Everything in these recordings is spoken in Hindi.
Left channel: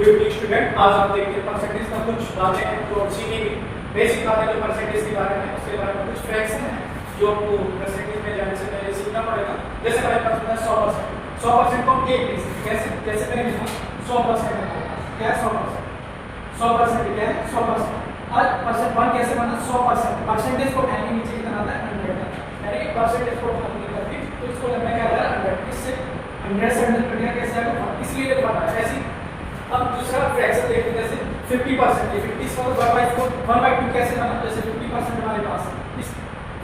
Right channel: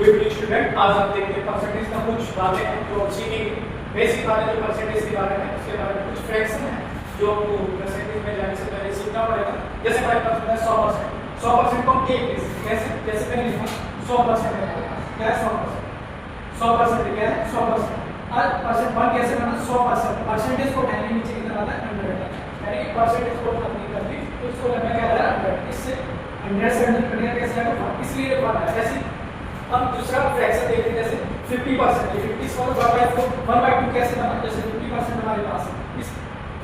Good evening student. आज हम देखते हैं परसेंटेज का कुछ बातें हैं जो सीखेंगे। बेसिक बातें जो परसेंटेज के बारे में, उसके बारे में कुछ फ्रैक्शन है जो आपको परसेंटेज में जाने से पहले सीखना पड़ेगा। जैसे हमारे पास होता है 100%। 100% को हम एक लिख सकते हैं। कैसे? जैसे मैंने लिखा 100% है क्या है 100%। 100% क्या है 100%। और परसेंट 1 कैसे बना 100%। परसेंटेज को 10 के नीचे कितना आता है 100 आता है। यानी कि परसेंटेज को कंप्लीट करके तो इसको लगने क्या आता है 100। इससे 100 से 100 कटेगा कैसे आएगा 1, इसलिए 1 है। ऐसे अब दूसरा फ्रैक्शन देखते हैं जैसे 50%। ये 50 को 1/2 कैसे बना? जैसे 50% हमारे पास है, इस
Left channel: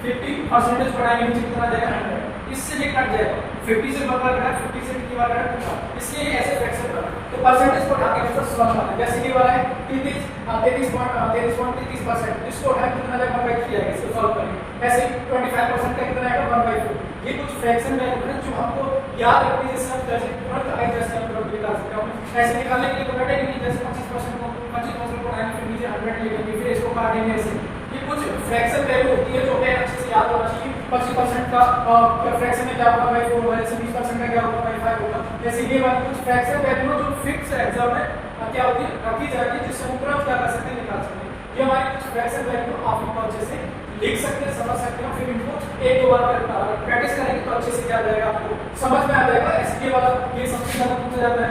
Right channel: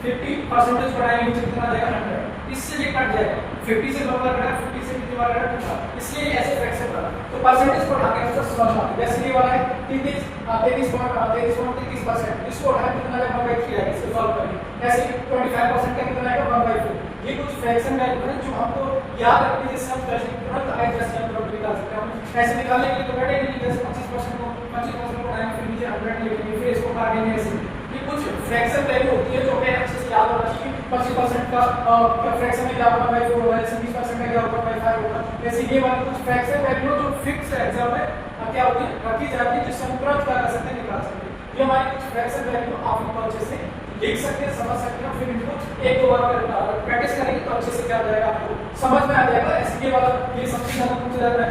50% बढ़ाएंगे नीचे कितना जाएगा 100। इससे ये कट जाएगा 50 से 1 बार कटा, 50 से कितनी बार कटा, इसलिए ऐसे फ्रैक्शन बना। तो परसेंटेज को उठा के ऐसा सॉल्व करना है। जैसे कि वाला है 33.33%, इसको उठा के कितना जाएगा 1/3 आएगा। इसको सॉल्व करेंगे। ऐसे 25% का कितना आएगा 1/4। ये कुछ फ्रैक्शन वैल्यू है जो हमको याद रखनी है। सब जैसे तुरंत एडजस्ट कर तुरंत निकाल सकते हैं। ऐसे निकालने के लिए तो बैठे नहीं, जैसे 25% को 25% को आएंगे फिर नीचे 100 लिखेंगे, फिर इसको काटेंगे। ऐसे ये कुछ फ्रैक्शन वैल्यू होती है जो हमें अच्छे से याद होना चाहिए। 25% का फ्रैक्शन में क्या होगा 4 होगा, ऐसे 20% का क्या होगा 5 होगा। ऐसे ये वाली कुछ फ्रैक्शन वैल्यू जो फिक्स है एग्जाम में क्या होती है रखी जाती है, जिससे हम तुरंत क्या कर सकते हैं निकाल सकते हैं। ये हमारी कुछ फ्रैक्शन वैल्यू आप इनको अच्छे से लिख सकते हैं, समझ सकते हैं। फिर इनको एक दो बार प्रैक्टिस करेंगे तो अच्छे से क्या जाएगा आपको समझ में आ जाएगा। ऐसे वाला ये सबसे ज्यादा पूछा जाता है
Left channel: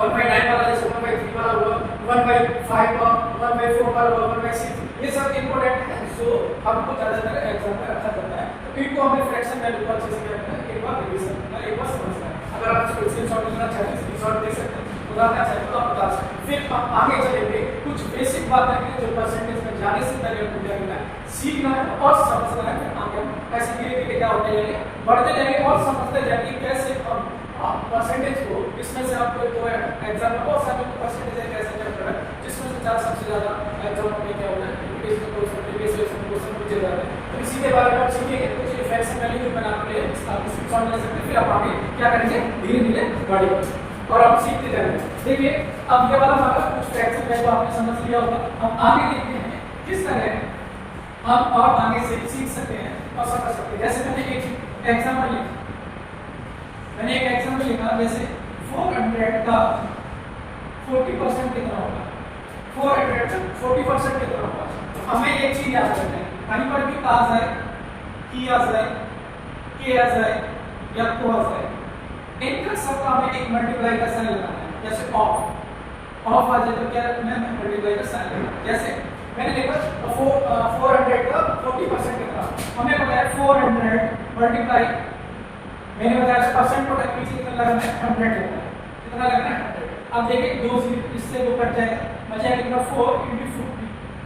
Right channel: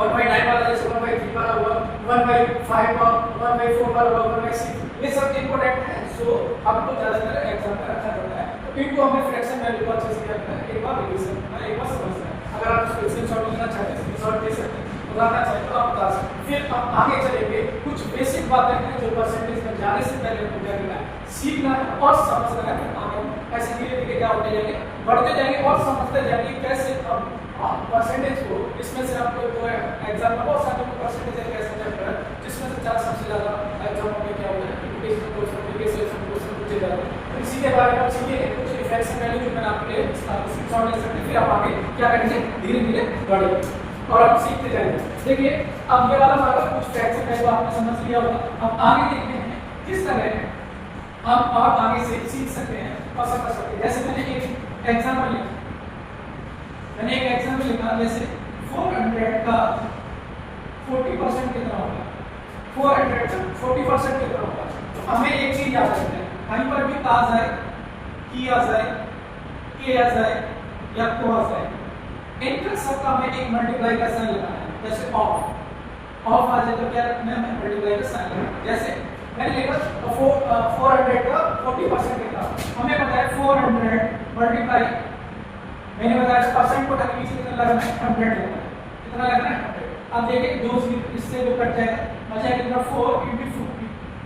1/9 वाला, जैसे 1/3 वाला हुआ, 1/5 का, 1/4 का, 1/6, ये सब इंपॉर्टेंट है जो आपको ज्यादातर एग्जाम में रखा जाता है। तो इनको हमें फ्रैक्शन वैल्यू को अच्छे से क्या करना है, एक बार रिवीजन करना, एक बार समझना है। अगर आप इसको स्क्रीनशॉट लेना चाहते हैं स्क्रीनशॉट ले सकते हैं, उतारना चाहते हो तो आप बता सकते हैं। फिर हम आगे चलेंगे, कुछ बेसिक बातें हैं जो परसेंटेज में जाने से पहले आपको क्या करना है, सीखना है और समझना है। फिर आगे हम ऐसे धीरे धीरे क्या होते जाएंगे, बढ़ते जाएंगे और समझते जाएंगे कैसे हम परसेंटेज को, इसमें से आपको तो एग्जाम में बहुत सारे परसेंटेज कैसे चल रहा है, जिसमें से चार सबसे ज्यादा एग्जाम में क्या होता है इम्प्लीकेशन क्वेश्चन पूछे जाते हैं। इसी के बारे में आप सीखेंगे कुछ रिफ्लेक्शन वैल्यू जो मैंने आपके लिए स्क्रीनशॉट ले सकते हैं। फिर आप आगे क्या करेंगे धीरे धीरे बढ़ेंगे और आप सीखते जाएंगे। देखिए अब ये वाला हमारा कुछ फ्रैक्शन वैल्यू आपने समझ लिया होगा। हम आगे देखते हैं किस तरह हम और आगे से सीख सकते हैं और समझ सकते हैं। जैसे मैंने एक एग्जांपल लिखा, जैसे 400 का 40% कितना होगा, 400 का 40% कितना होगा। तो हमें एक चीज याद रखना है, कहीं पर भी आ जाए, की आ जाए, के आ जाए या को आ जाए, इनका सबका हमें एक मल्टीप्लाई का साइन लगाना है। जैसे ऑफ आ जाए तो क्या रखना है, मल्टीप्लाई का साइन लगाना है। जैसे मैंने लिखा 400 का 40% कितना, हमें पता है 400 मल्टीप्लाई, मैंने बताया परसेंट को टक पीछे कितना लगाना है 100 लगाना है। कितना लगाना है 100। अब देखिए दो इससे जो कट जाएगा बचा कितना 4 × 50,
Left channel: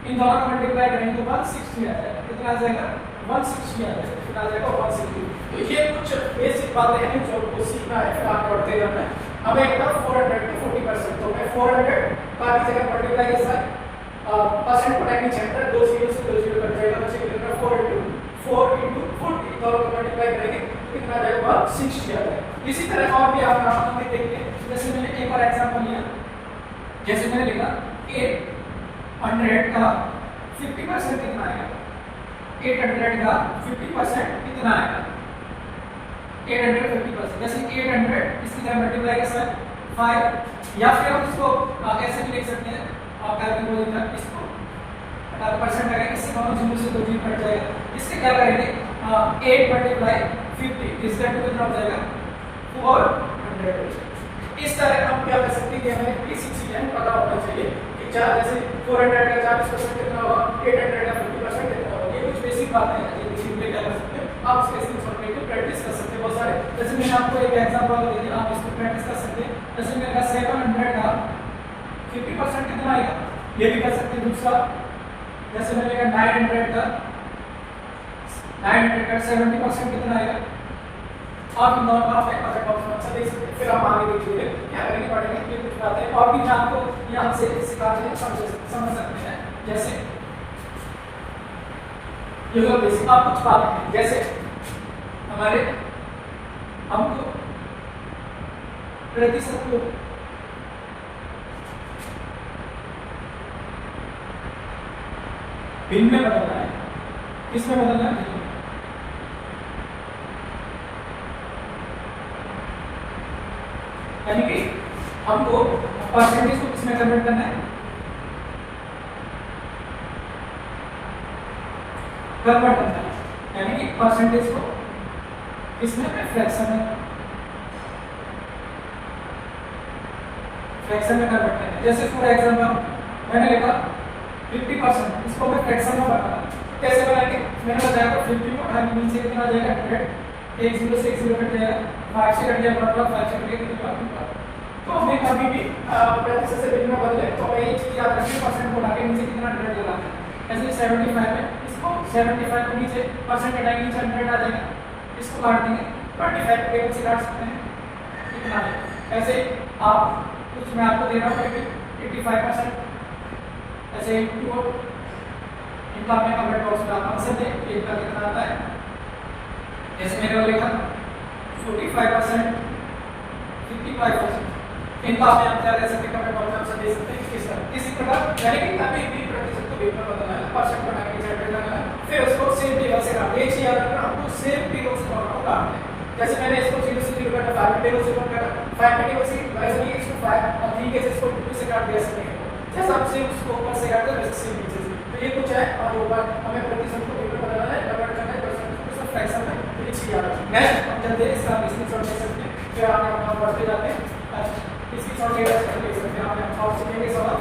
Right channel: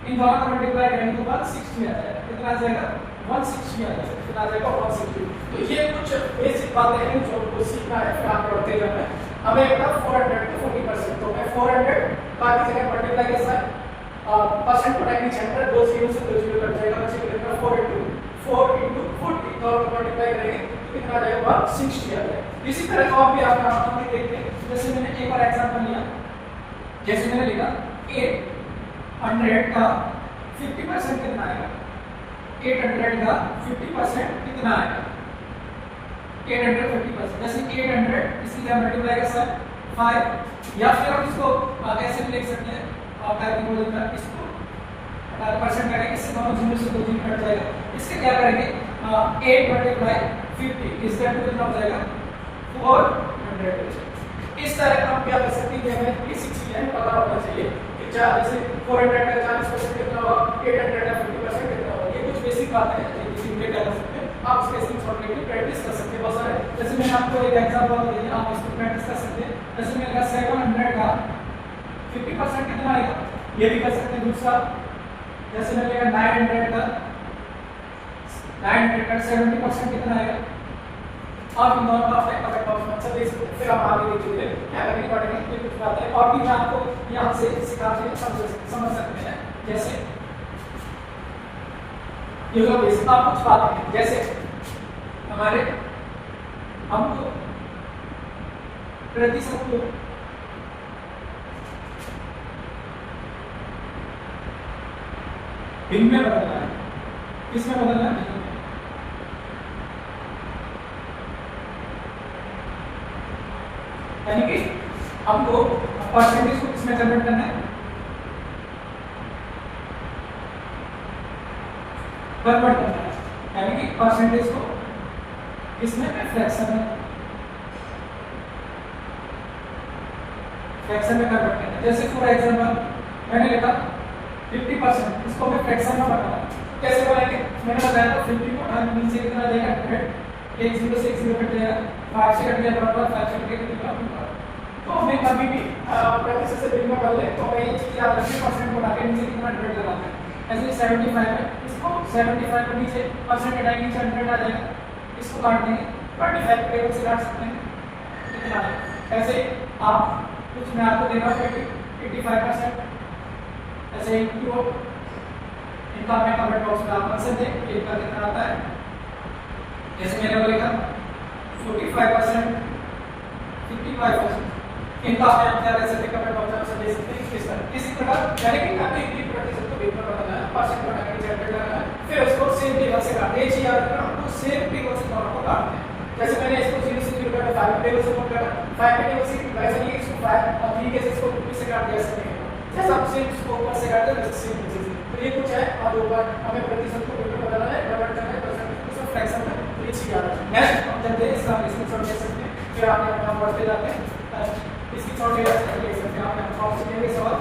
इन दोनों का मल्टीप्लाई करेंगे तो 160 आ जाएगा। कितना आ जाएगा 160 आ जाएगा। कितना आ जाएगा 160। तो ये कुछ बेसिक बातें हैं जो आपको सीखना है, फिर आप पढ़ते रहना है। हमें पता 400 की 40%, तो मैं 400 का की जगह मल्टीप्लाई के साथ परसेंट को टक नीचे 2 0 से 2 0 कट जाएगा, बचे कितना 4 × 40, दोनों को मल्टीप्लाई करेंगे कितना जाएगा 160 आ जाएगा। इसी तरह और भी आप आगे देखते हैं। जैसे मैंने एक और एग्जांपल लिया, जैसे मैंने लिखा 800 का 50% कितना आएगा, 800 का 50% कितना आएगा, 850%। जैसे 800 इसकी जगह मल्टीप्लाई का साइन 5, या फिर आप इसको ऐसे भी लिख सकते हैं कैलकुलेटर में, इसको 18% करेंगे, इससे हम 0 से 2 0 कट जाएगा। इसके क्या करेंगे 8 × 50, इसका कितना हो जाएगा 400। इस तरह हम क्या कर सकते हैं कि हमें बेसिक चीजें पता होना चाहिए कि जैसे 400 का 40% कितना होगा, 800 का 50% कितना होगा। ये कुछ बेसिक बातें हैं जो किसी भी क्या कर सकते हैं, आप इसके स्क्रीनशॉट लेके प्रैक्टिस कर सकते हैं बहुत सारे। जैसे मैंने आपको एक एग्जांपल दिया, आप इसको प्रैक्टिस कर सकते हैं। जैसे मैंने कहा 700 का 50% कितना आएगा, ये भी कर सकते हैं। दूसरा जैसे मैंने कहा 900 का 70% कितना आएगा, और इन दोनों का आप अच्छा देख सकते हैं। फिर आप आगे देखिए क्या करेंगे, पढ़ेंगे, फिर कुछ बातें और भी मैं आपको यहाँ से सिखाते हैं, समझ सकते हैं। जैसे ये तो बेसिक आप कुछ बातें हैं, जैसे हमारे हमको प्रतिशत को भिन्न में बदलना है। किसमें बदलना है, यानी कि हमको परसेंटेज को किसमें कन्वर्ट करना है, कन्वर्ट करना है, यानी कि परसेंटेज को किसमें, फ्रैक्शन में, फ्रैक्शन में कन्वर्ट करना है। जैसे फॉर एग्जांपल मैंने लिखा 50%, इसको हमें फ्रैक्शन में बनाना है। कैसे बनाएंगे, मैंने बताया था 50 को ढाई नीचे कितना आ जाएगा 100, एक जीरो से एक जीरो कट जाएगा, 5 से कट जाएगा मतलब 5 से कटेगा कितना, तो हमें कभी भी प्रतिशत से बिल में बदले तो हमें ये चीज याद रखनी, परसेंट को हटा के नीचे कितना 100 लगाते हैं। ऐसे 75 है, इसको 75 को नीचे परसेंट घटाएंगे, नीचे 100 आ जाएगा, इसको काट देंगे 25 टेबल से काट सकते हैं कितना है। ऐसे आप कुछ मैं आपको दे रहा हूँ 85%, ऐसे इनका मैं कमेंट बॉक्स में आप आंसर दें एक का कितना आता है। जैसे मैंने लिखा 45%, 55%, इनका आप आंसर दे सकते हैं, कमेंट बॉक्स में आंसर दे सकते हैं किस तरह। इसी प्रकार यानी कि कभी भी प्रतिशत को बिल्कुल बताना है, परसेंट बना के जनरेट करना है, फिर उसको सेम टेबल से काट दें, याद रखना आपको सेम टेबल से काटना है। जैसे मैंने इसको 0 से 0 काटा, 5 टेबल से काटा, 5 टेबल से वैसे नहीं इसको 5 और 3 के इसको 2 से काट दिया सकते हैं, जैसे आप सेम उसको ऊपर से काटते हैं वैसे सेम नीचे से। तो ये कुछ है और ऊपर हमें प्रतिशत को बिल्कुल बताना है, कन्वर्ट करना है परसेंट को सब फ्रैक्शन में, ये चीज याद रखना है। नेक्स्ट हम चलते हैं इसका स्क्रीनशॉट ले सकते हैं, फिर आप यहां पढ़ते जाते हैं, इसकी शॉट ले सकते हैं, आप यहां और सीखेंगे सवाल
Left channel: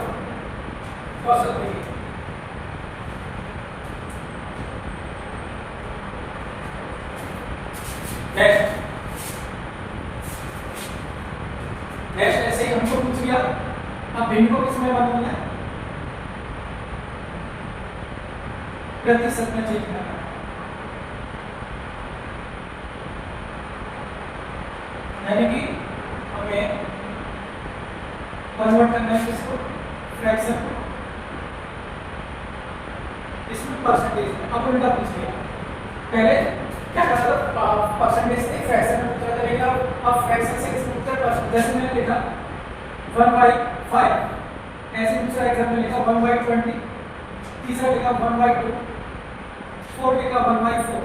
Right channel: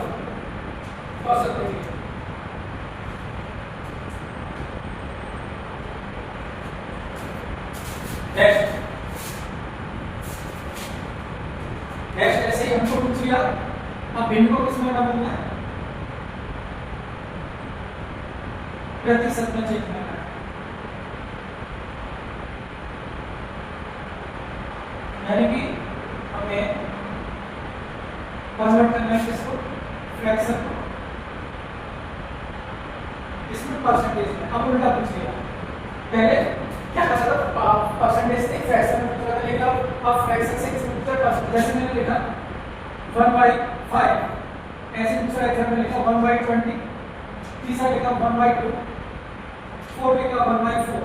और सब करेंगे। नेक्स्ट ऐसे ही हमको पूछ लिया, अब भिन्न को किसमें बदलना है, प्रतिशत में चेंज करना है, यानी कि हमें कन्वर्ट करना है किसको, फ्रैक्शन को, इसमें परसेंटेज में। अब उल्टा पूछ लिया, पहले क्या करता था परसेंटेज से फ्रैक्शन में पूछा था, लेकिन अब फ्रैक्शन से किसमें पूछा परसेंट। जैसे मैंने लिखा 1/5, ऐसे दूसरा एग्जांपल लिखा 1/20, तीसरा लिखा 1/2, फोर्थ लिखा 1/4।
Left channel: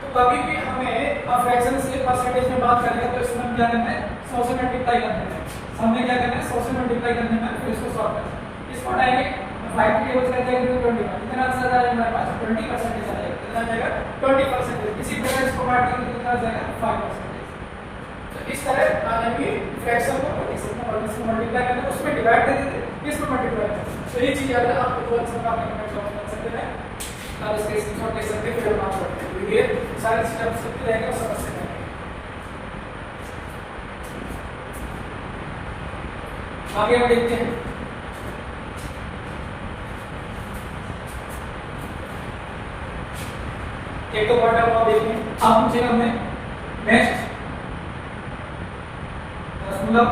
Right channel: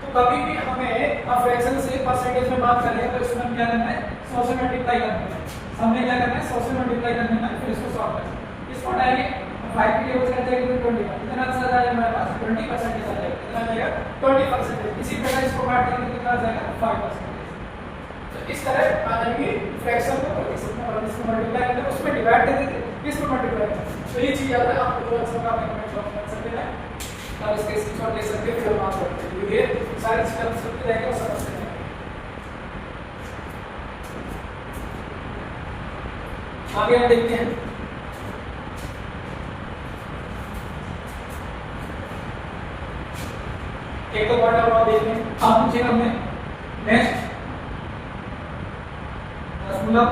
तो कभी भी हमें फ्रैक्शन से परसेंटेज में बात करें तो इसमें क्या करना है, 100 से मल्टीप्लाई करना है। हमने क्या करना है, 100 से मल्टीप्लाई करने में फिर इसको सॉल्व करना है। इसको डायरेक्ट 5 के यूज करते हैं तो 20 कितना आंसर आ जाएगा हमारे पास 20% आ जाएगा, कितना आ जाएगा 20%। इसी प्रकार इसको काट देंगे कितना आ जाएगा 5%। तो इस तरह आ जाएंगे फ्रैक्शन को प्रतिशत में और इसको मल्टीप्लाई करते हैं, उसमें डिवाइड कर देते हैं, इसमें मल्टीप्लाई करते हैं। तो ये चीज याद है, आपको दो आंसर का कमेंट बॉक्स में कर सकते हैं, आप इसके स्क्रीनशॉट ले सकते हैं, फिर बात करते हैं। ये सारे स्टेप्स सबके रहेंगे और समझ सकते हैं। आगे हम देखते हैं एक तो क्वार्टर लॉ देखते हैं। अब पूछेगा हमें नेक्स्ट मतलब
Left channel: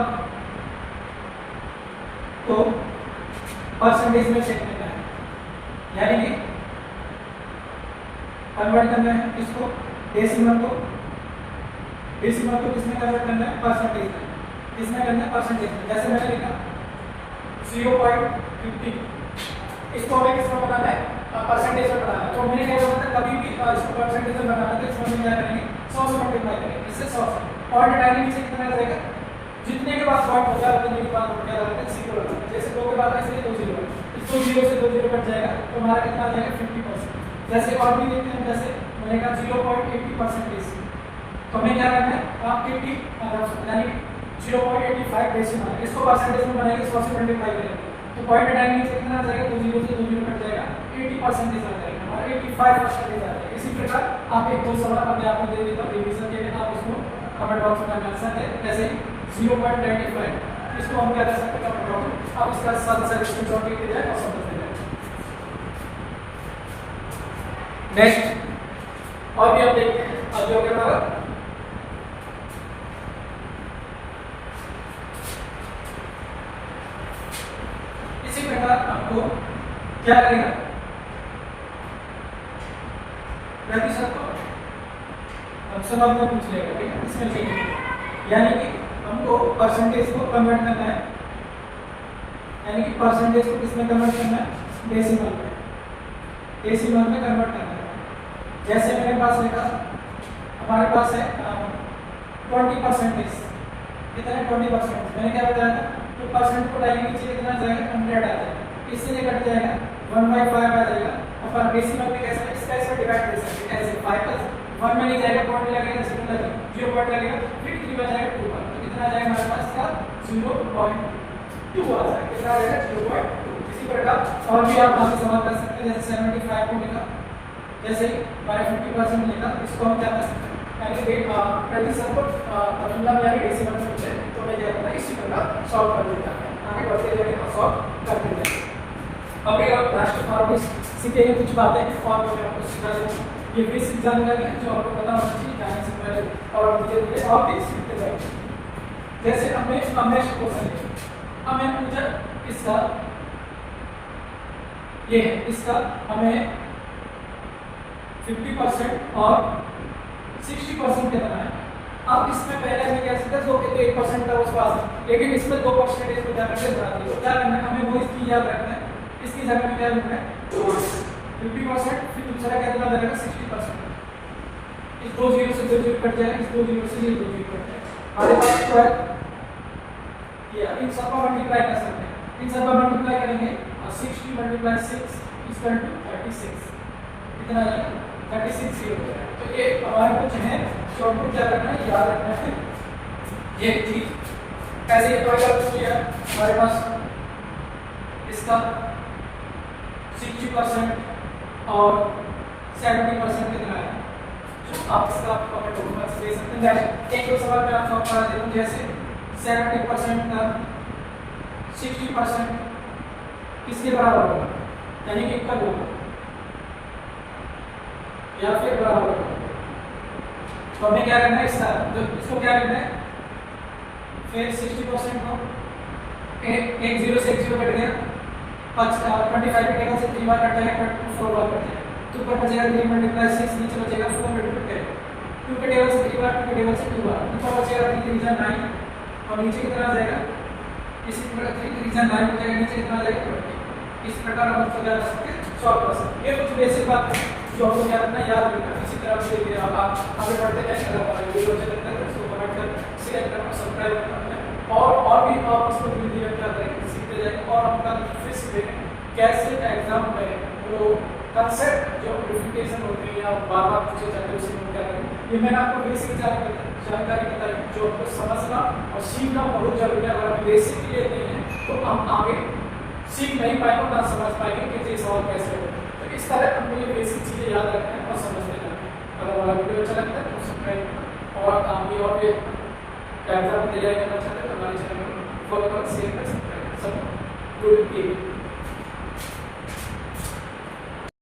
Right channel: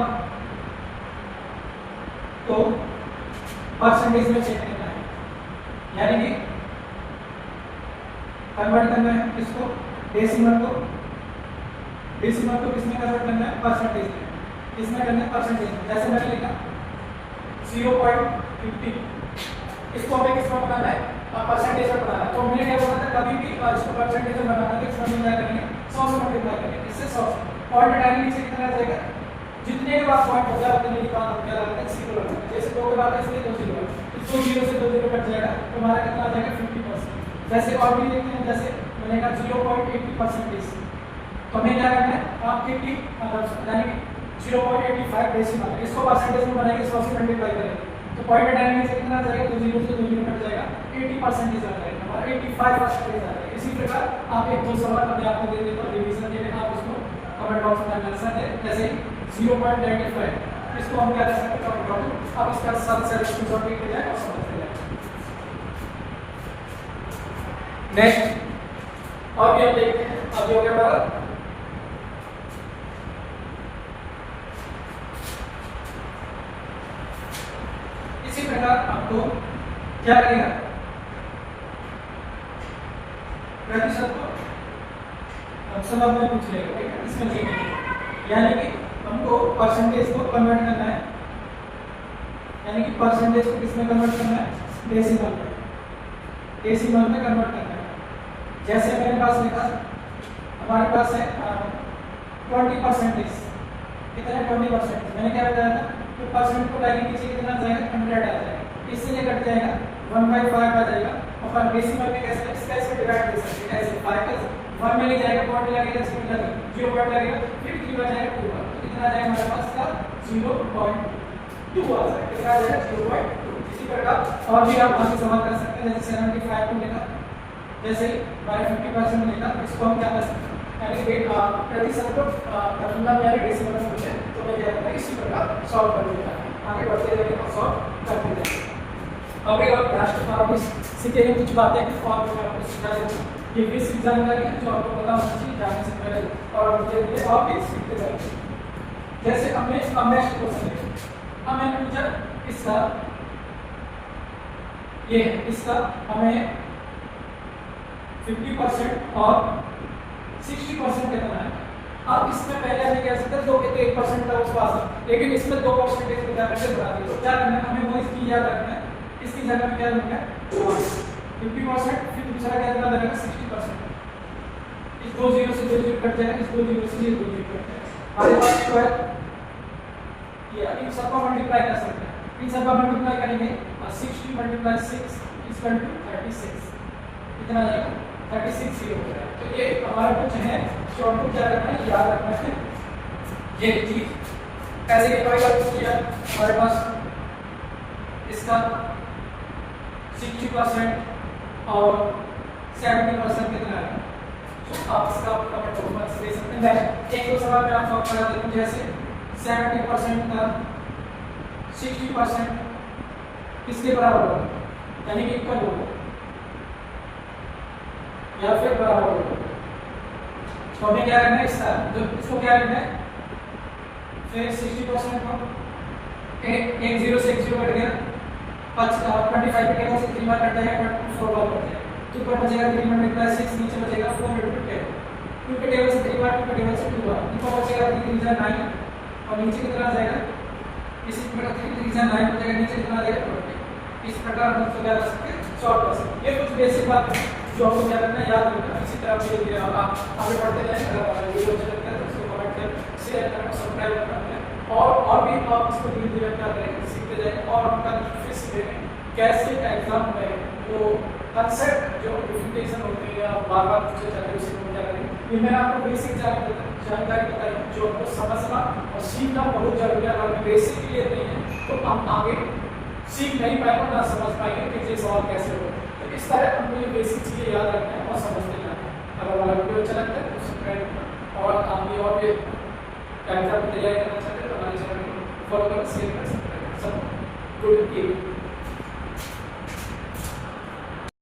तो परसेंटेज में चेक करना है, यानी कि कन्वर्ट करना है किसको, डेसिमल को किसमें कन्वर्ट करना है, परसेंटेज में। किसमें करना है, परसेंटेज में। जैसे मैंने लिखा 0.50, इसको हमें किसमें बनाना है, परसेंटेज में बनाना है। तो हमने क्या बोला था, कभी भी इसको परसेंटेज में बनाना है तो इसमें क्या करेंगे, 100 से मल्टीप्लाई करेंगे, इससे 100 से पॉइंट हटाएंगे, नीचे कितना आ जाएगा, जितने के बाद पॉइंट होगा उतने के बाद क्या लगाते हैं, इसी को लगाते हैं। जैसे 2 के बाद इसलिए 2 0, इस 2 0 से 2 0 कट जाएगा तो हमारा कितना आ जाएगा 50%। जैसे और भी देखते हैं, जैसे मैंने कहा 0.80%, तो हमें क्या करना है, आप 50 यानी 0.85 डेसिमल, इसको परसेंटेज में बनाएंगे, 100 से मल्टीप्लाई करेंगे तो पॉइंट हटाएंगे से कितना आ जाएगा, 2 0 से 2 0 कट जाएगा, 80% आ जाएगा और 85% आ जाएगा। इसी प्रकार आप एक दो सवाल अपने आप को दे देते हो रिवीजन के लिए, आप उसको कमेंट बॉक्स में आंसर है। जैसे 0.95, इसको हम क्या कर सकते हैं, कमेंट बॉक्स में आप इसका साथ साथ स्क्रीनशॉट लेके जाए और समझ लीजिए। नेक्स्ट और भी हम देखते हैं, अब हो गया हमारा इसी प्रकार आपको क्या लगेगा, प्रतिशत को ऑप्शन आपने पूछ लिया, ठीक है, इसमें लिखेंगे, यानी कि हमको परसेंटेज को कन्वर्ट करना है, यानी कि परसेंटेज को किसमें कन्वर्ट करना है, डेसिमल में, डेसिमल में कन्वर्ट करना है। जैसे मेरे पास लिखा, हमारे पास है 20%, कितना है 20%, मैंने क्या बताया था तो परसेंट को डालेंगे नीचे कितना आ जाएगा 100 आ जाएगा, इससे ये कट जाएगा 1/5 आ जाएगा। अपन डेसिमल में कैसे इसका डिवाइड कर सकते हैं ऐसे 5 प्लस 1 में नहीं जाएगा, पॉइंट लगेगा, सेकंड लगेगा, 0 पॉइंट लगेगा, फिर 3 बचाएगा 2 तो कितना आ जाएगा हमारे पास का 0.2 आ जाएगा, कितना आ जाएगा 0.2। इसी प्रकार और भी आप आगे सवाल कर सकते हैं, जैसे 75 को लेना जैसे बाय 50% लेना, इसको हम क्या कर सकते हैं यानी प्रतिशत को तुलना में यानी डेसिमल में पूछे तो मैं क्या करता इसी प्रकार सॉल्व कर देता हूं, आगे बढ़ते जाएंगे सॉल्व करते जाएंगे। अभी राष्ट्रपति सीखेंगे कुछ बातें और मैं आपको सिखा दूंगा, ये बेसिक जानकारी है जो आपको पता होना चाहिए जाने से पहले और धीरे-धीरे और भी सीखते जाएंगे। जैसे हमने नेक्स्ट क्वेश्चन लिया, हमें पूछा इसका ये है, इसका हमें 50% और 60% कितना है। अब इसमें पहले हमें क्या सकता है 1% था उस पास, लेकिन इसमें 2% इसको क्या करके बढ़ा दिया, तो क्या करना है हमें वो इसकी याद रखना है, इसकी जगह में क्या लिखना है 50%, फिर दूसरा क्या दिया जाएगा 60%, इस 2 जीरो से 2 जीरो कट जाएगा, इस 2 जीरो से ये 2 जीरो कट जाएगा, हमारे पास स्क्वायर किया, इन सबको मल्टीप्लाई कर सकते हैं, इन सबका मल्टीप्लाई करेंगे और 60 × 6 = 36 कितना आएगा 36 ये हो जाएगा। तो ये हमारे कुछ है शॉर्टकट क्या करना है याद रखना है ये चीज। ऐसे ही कोई और किया हमारे पास इसका 60% और 70% कितना है, तो आप इसका कमेंट बॉक्स में दे सकते हैं। एक दो सवाल में आप सॉल्व करा देते हैं, जैसे 70% का 60% किसके बराबर होगा यानी कि इक्वल होगा या फिर बराबर होगा, तो हमें क्या करना है इसको क्या करना है, फिर 60% को एक जीरो से एक जीरो कट गया, 25 के टेबल से 3 बार कट जाएगा, 4 बार कट जाएगा, तो ऊपर बचेगा 3 × 6 नीचे बचेगा 4 × 10, 2 के टेबल से 3 बार, 2 के टेबल से 2 बार, ऊपर बचेगा 3 × 9 और नीचे कितना आ जाएगा, इसी प्रकार 3 × 9 बचेगा, नीचे कितना आ जाएगा 20। इस प्रकार हम इसको क्या कर सकते हैं सॉल्व कर सकते हैं। ये कुछ बेसिक बात है जो आपको क्या करना है याद रखना है। इसी तरह धीरे-धीरे आप आगे बढ़ते जाएं। अगर वीडियो अच्छा लगता है तो उसको कमेंट कर शेयर करना सब्सक्राइब करना और भी आप इसको धीरे-धीरे क्या करेंगे सीखते जाएंगे और अपना फिर सीखेंगे कैसे एग्जाम में जो कंसेप्ट जो प्रेजेंटेशन होती है या बार-बार पूछे जाते हैं उसको क्या करेंगे। ये मैंने आपको बेसिक जानकारी बताई जो आपको समझना और सीखना बहुत जरूरी है। अगर बेसिक क्लियर नहीं है तो हम आगे सीख नहीं पाएंगे और ना समझ पाएंगे कि ये सवाल कैसे हो। तो इस तरह हमको ये बेसिक चीजें याद रखना है और समझते जाना है। अगर हमारा वीडियो अच्छा लगता है तो सब्सक्राइब और आगे और भी एग्जाम तैयारी करना चाहते हैं तो हमारे चैनल को फॉलो कर शेयर कर सकते हैं। सब गुड के